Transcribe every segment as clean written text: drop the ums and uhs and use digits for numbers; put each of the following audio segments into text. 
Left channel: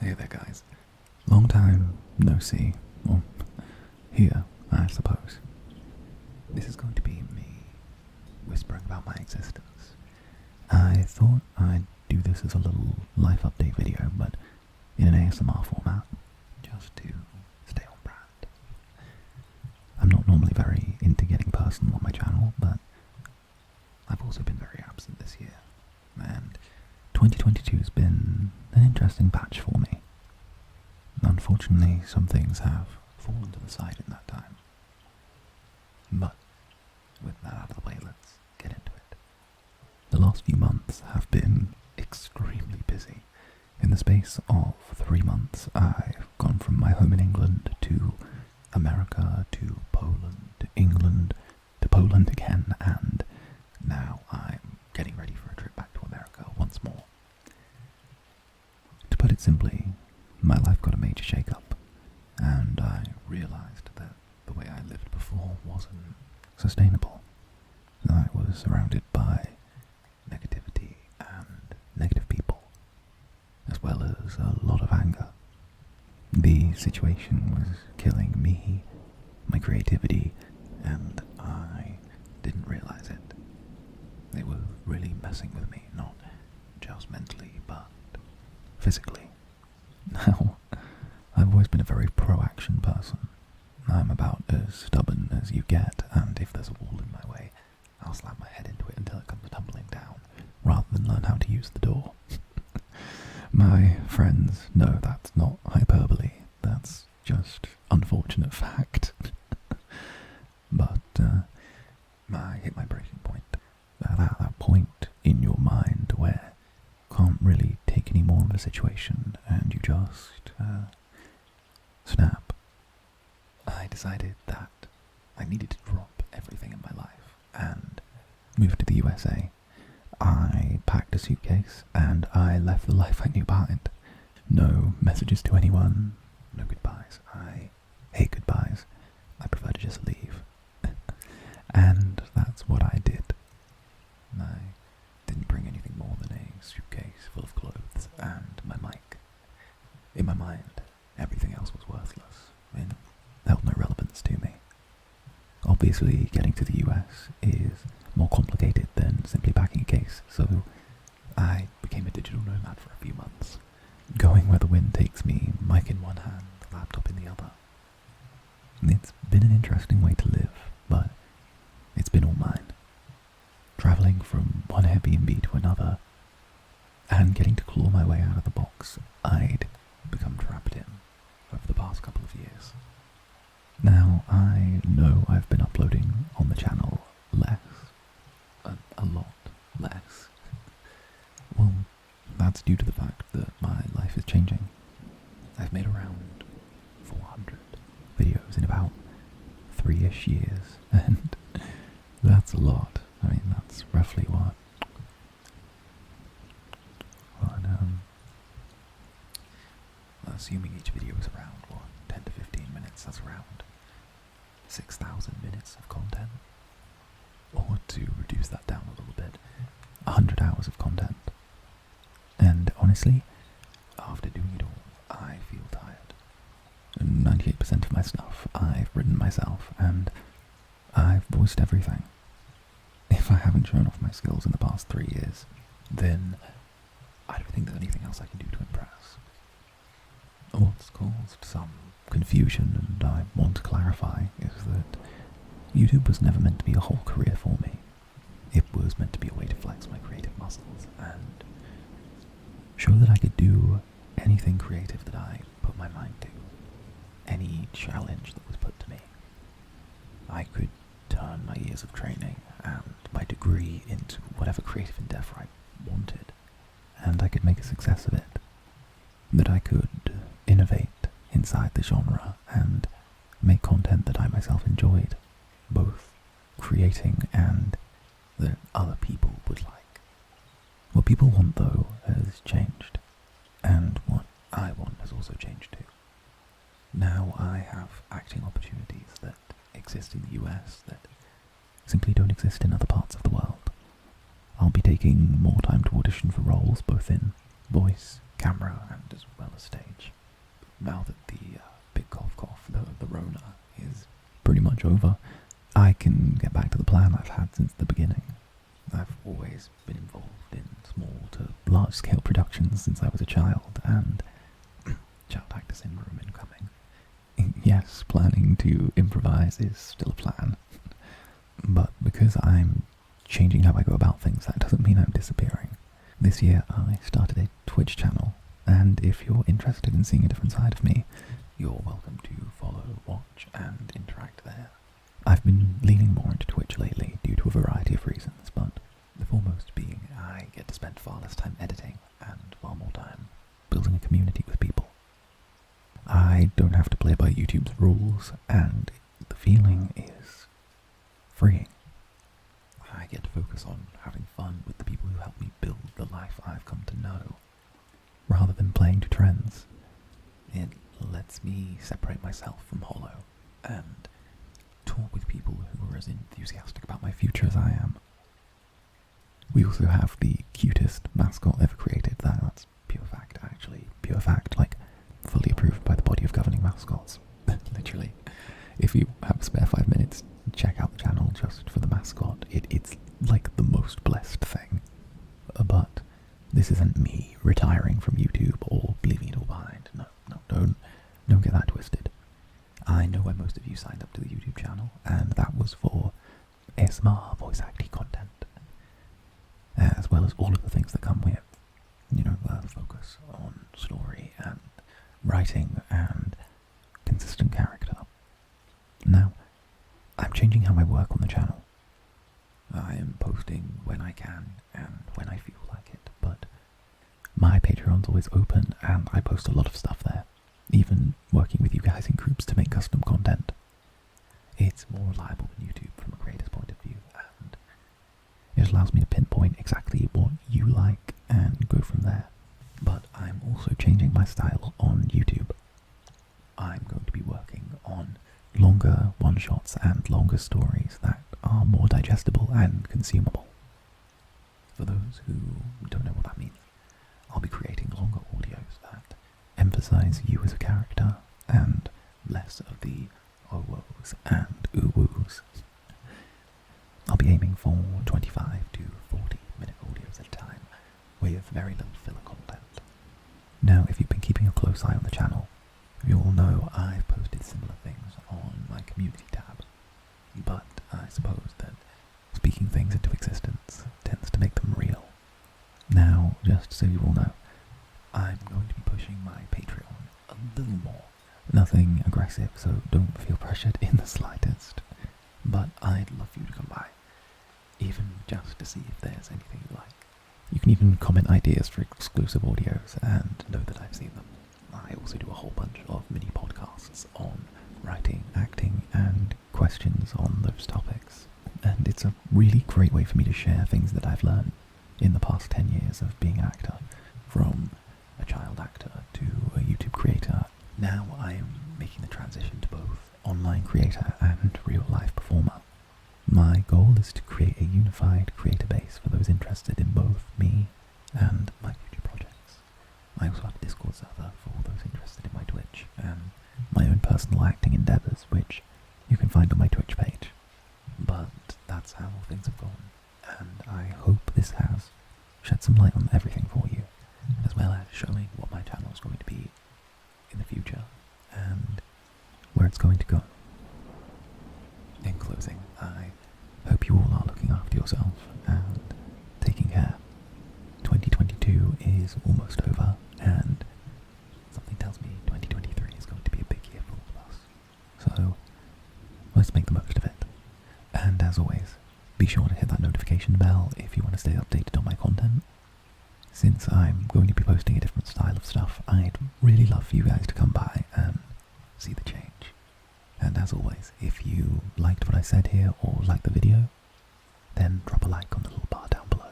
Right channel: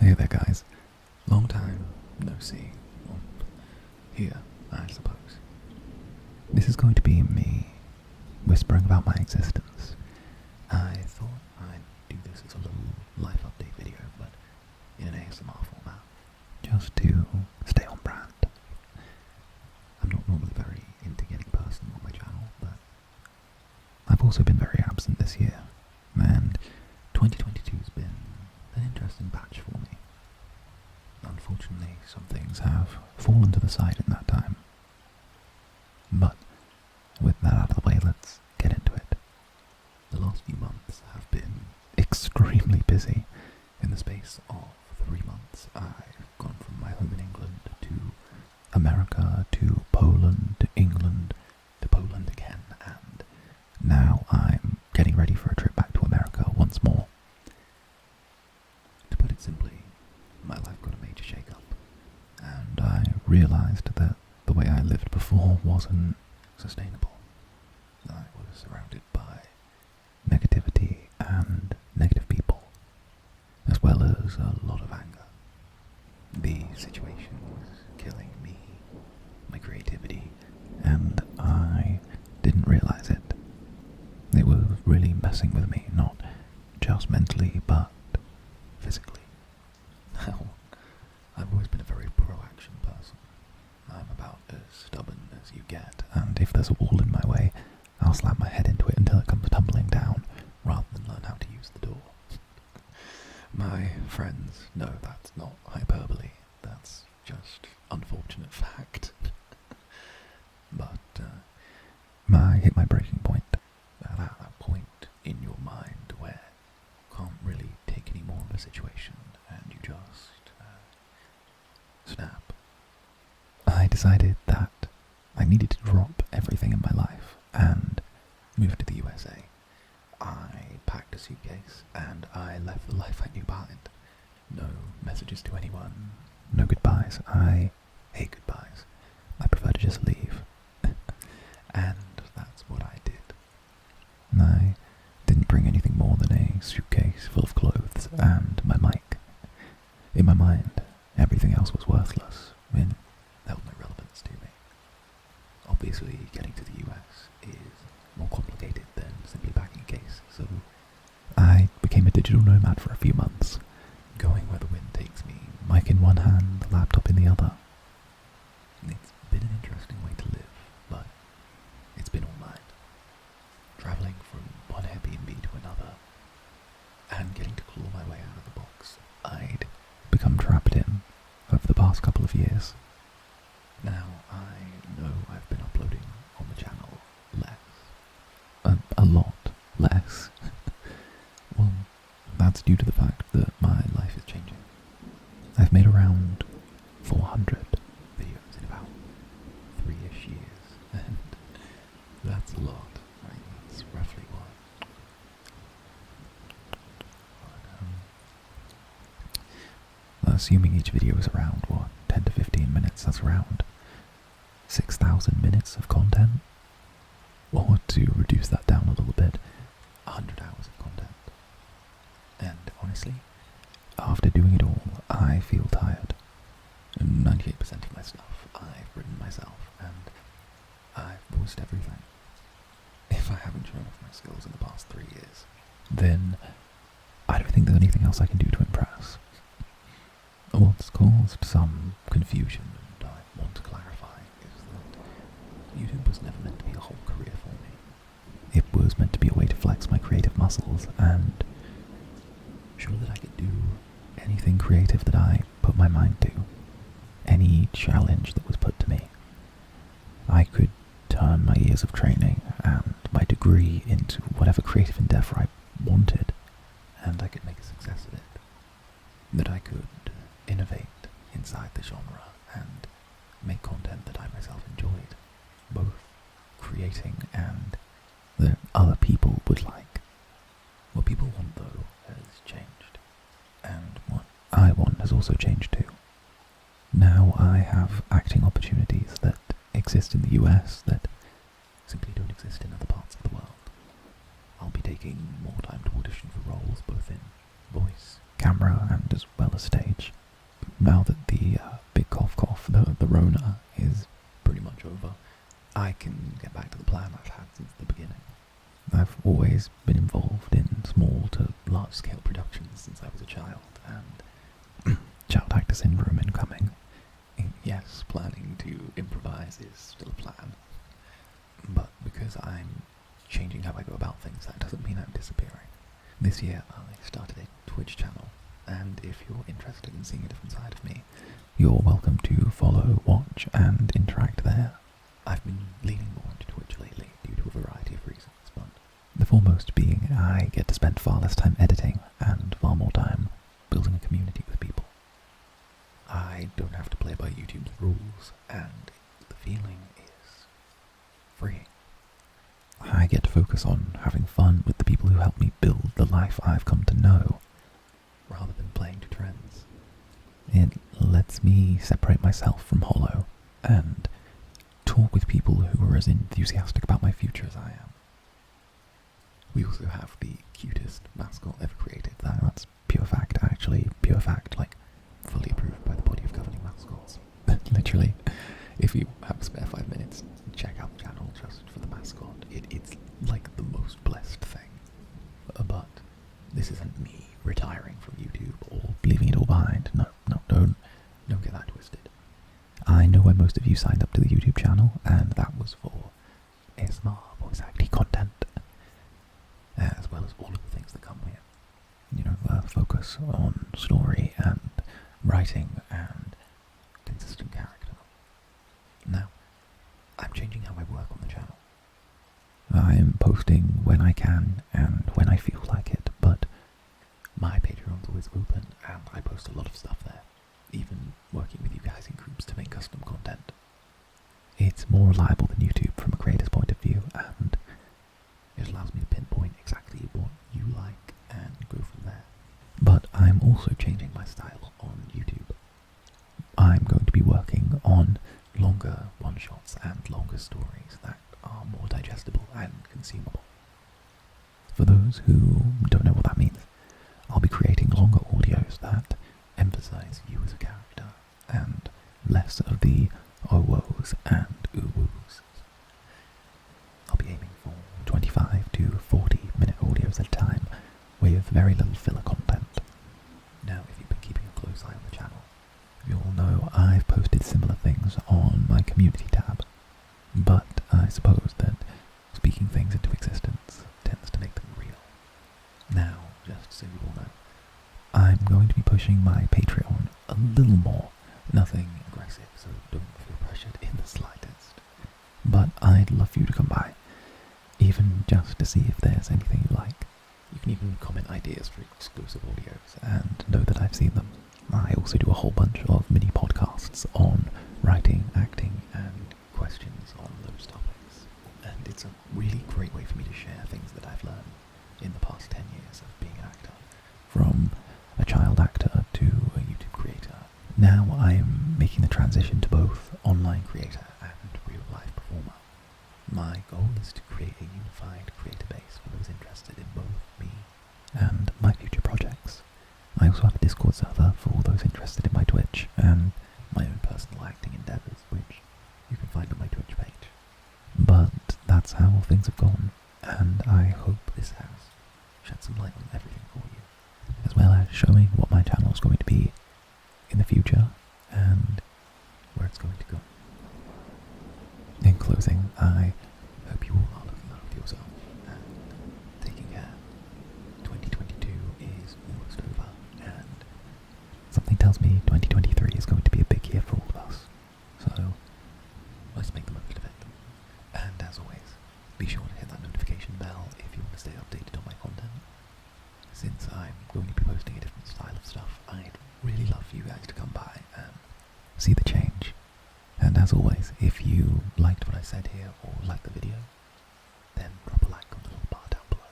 Hey there guys, long time no see, well, here I suppose. This is going to be me whispering about my existence. I thought I'd do this as a little life update video, but in an ASMR format, just to stay on brand. I'm not normally very into getting personal on my channel, but I've also been very absent this year, and 2022's been an interesting patch for me. Unfortunately, some things have fallen to the side in that time. But with that out of the way, let's get into it. The last few months have been extremely busy. In the space of 3 months, I've gone from my home in England to America, to Poland, to England, to Poland again, and now I'm getting ready for a trip back to America once more. To put it simply, my life got a major shake-up, and I realised that the way I lived before wasn't sustainable. I was surrounded by negativity and negative people, as well as a lot of anger. The situation was killing me, my creativity, and I didn't realise it. It was really messing with me, not just mentally, but physically. Now, I've always been a very pro-action person. I'm about as stubborn as you get, and if there's a wall in my way, I'll slam my head into it until it comes tumbling down, rather than learn how to use the door. My friends know that's not hyperbole, that's just unfortunate fact. But I hit my breaking point. At that point in your mind where you can't really take any more of a situation and you just snap. I decided that I needed to drop everything in my life and move to the USA. I packed a suitcase and I left the life I knew behind. No messages to anyone, no goodbyes. I hate goodbyes. I prefer to just leave. And that's what I did. I didn't bring anything more than a suitcase full of clothes and my mic. In my mind, everything else was worthless. It held no relevance to me. Obviously, getting to the US is more complicated than simply packing a case, so I became a digital nomad for a few months, going where the wind takes me, mic in one hand, laptop in the other. It's been an interesting way to live, but it's been all mine. Travelling from one Airbnb to another, and getting to claw my way out of the box I'd become trapped in over the past couple of years. Now, I know I've been uploading on the channel less. A lot less. Well, that's due to the fact that my life is changing. I've made around 400 videos in about 3-ish years, and that's a lot. I mean, that's roughly what assuming each video is around, 10 to 15 minutes, that's around 6,000 minutes of content. Or to reduce that down a little bit, 100 hours of content. And honestly, after doing it all, I feel tired. 98% of my stuff I've written myself, and I've voiced everything. If I haven't shown off my skills in the past 3 years, then I don't think there's anything else I can do to impress. What's caused some confusion, and I want to clarify, is that YouTube was never meant to be a whole career for me. It was meant to be a way to flex my creative muscles and show that I could do anything creative that I put my mind to. Any challenge that was put to me. I could turn my years of training and my degree into whatever creative endeavour I wanted, and I could make a success of it. That I could innovate inside the genre and make content that I myself enjoyed, both creating and that other people would like. What people want, though, has changed, and what I want has also changed too. Now I have acting opportunities that exist in the US that simply don't exist in other parts of the world. I'll be taking more time to audition for roles both in voice, camera and as well as stage. Now that the big cough, the Rona, is pretty much over, I can get back to the plan I've had since the beginning. I've always been involved in small to large-scale productions since I was a child, and child actor syndrome incoming. Yes, planning to improvise is still a plan, but because I'm changing how I go about things, that doesn't mean I'm disappearing. This year I started a Twitch channel, and if you're interested in seeing a different side of me, you're welcome to follow, watch, and interact there. I've been leaning more into Twitch lately due to a variety of reasons, but the foremost being I get to spend far less time editing and far more time building a community with people. I don't have to play by YouTube's rules, and the feeling is freeing. I get to focus on having fun with the people who help me build the life I've come to know, rather than playing to trends. It lets me separate myself from Hollow and talk with people who are as enthusiastic about my future as I am. We also have the cutest mascot ever created. That's pure fact, actually. Pure fact, like, fully approved by the body of governing mascots. Literally, if you have a spare 5 minutes, check out the channel just for the mascot. It's like the most blessed thing. But this isn't me retiring from YouTube or leaving it all behind. No, don't get that twisted. I know why most of you signed up to the YouTube channel, and that was for ASMR voice acting content, as well as all of the things that come with, focus on story and writing and consistent character. Now, I'm changing how I work on the channel. I'm posting when I can and when I feel like it, but my Patreon's always open and I post a lot of stuff there, even working with you guys in groups to make custom content. It's more reliable than YouTube from a creator's point of view, and it allows me to pinpoint exactly what you like and go from there. But I'm also changing my style on YouTube. I'm going to be working on longer one-shots and longer stories that are more digestible and consumable. For those who don't know what that means, I'll be creating longer audios that emphasize you as a character and less of the oh-woes and ooh-woos. I'll be aiming for 25 to 40 minute audios at a time with very little filler content. Now, if you've been keeping a close eye on the channel, you'll know I've posted similar things on my community tab, but I suppose that speaking things into existence tends to make them real. Now, just so you all know, I'm going to be pushing my Patreon a little more. Nothing aggressive, so don't feel pressured in the slightest. But I'd love for you to come by, even just to see if there's anything you like. You can even comment ideas for exclusive audios and know that I've seen them. I also do a whole bunch of mini podcasts on writing, acting, and questions on those topics. And it's a really great way for me to share things that I've learned in the past 10 years of being an actor, from a child actor to a YouTube creator. Now I'm making the transition to both online creator and real-life performer. My goal is to create a unified creator base for those interested in both me and my future projects. I also have a Discord server for all those interested in my Twitch and my own personal acting endeavours, which you can find on my Twitch page. But that's how things have gone, and I hope this has shed some light on everything for you, as well as showing what my channel is going to be in the future and where it's going to go. In closing, I hope you all are looking after yourself and taking care. 2022 is almost over, and something tells me 2023 is going to be a big year for all of us. So let's make the most of it. And as always, be sure to hit that notification bell if you want to stay updated on my content. Since I'm going to be posting a different style of stuff, I'd really love for you guys to come by and see the change. And as always, if you liked what I said here or liked the video, then drop a like on the little bar down below.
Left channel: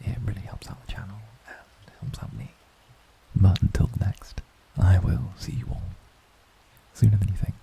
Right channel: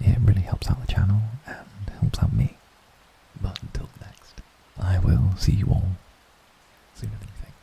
It really helps out the channel and helps out me. But until next, I will see you all sooner than you think.